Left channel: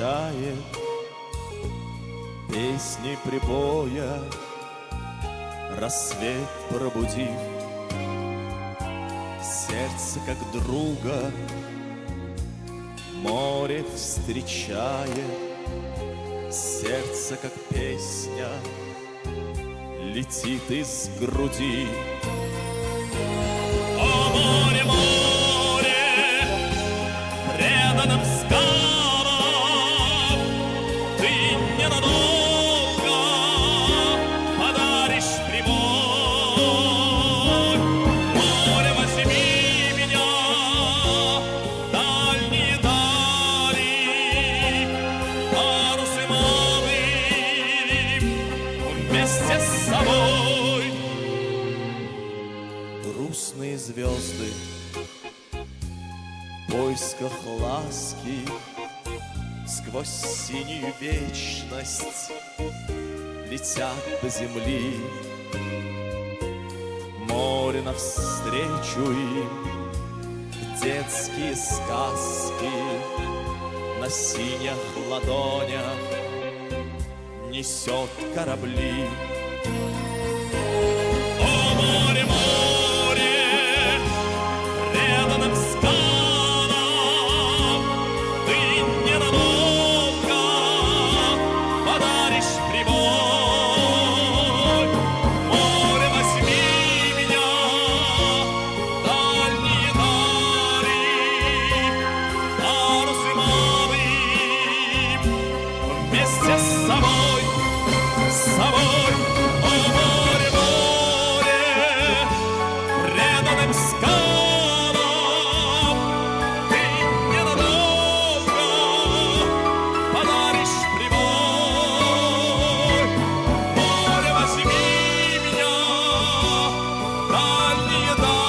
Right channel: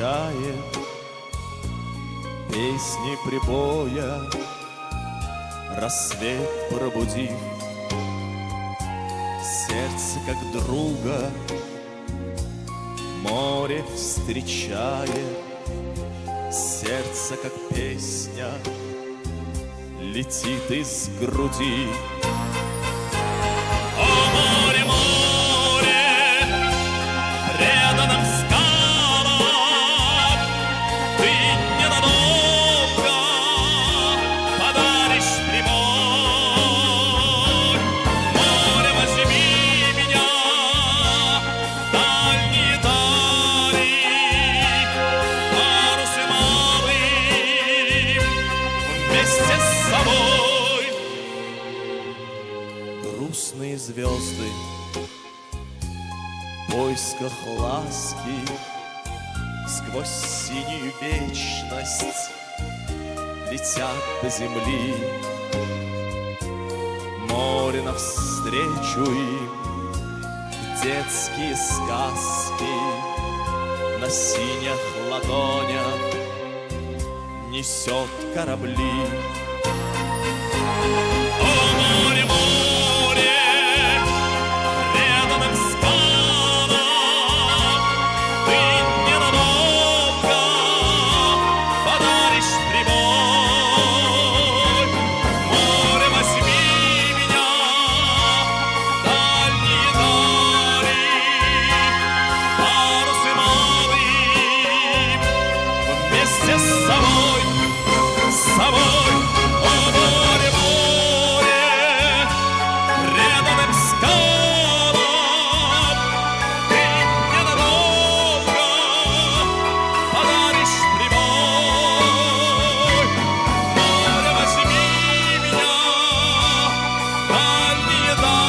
встречает песни прибоя, рассвет пробудив. Сердце как друга море встречает, сердце как песня летит из груди. О, море, море, преданным скалам, ты ненадолго подаришь прибой. Море, возьми меня в дальние дали, парусы малым вместе с собой. Грустные звезды в поисках ласки сквозь синюю вечность летят до земли. Море навстречу им, детские сказки на синих ладонях несет корабли. О, море, море, преданным скалам, ты ненадолго подаришь прибой. Море, возьми меня в дальние дали, парусы малым вместе с собой, с собой. О, море, море, преданным скалам, ты ненадолго подаришь прибой. Море, возьми меня в дальние дали,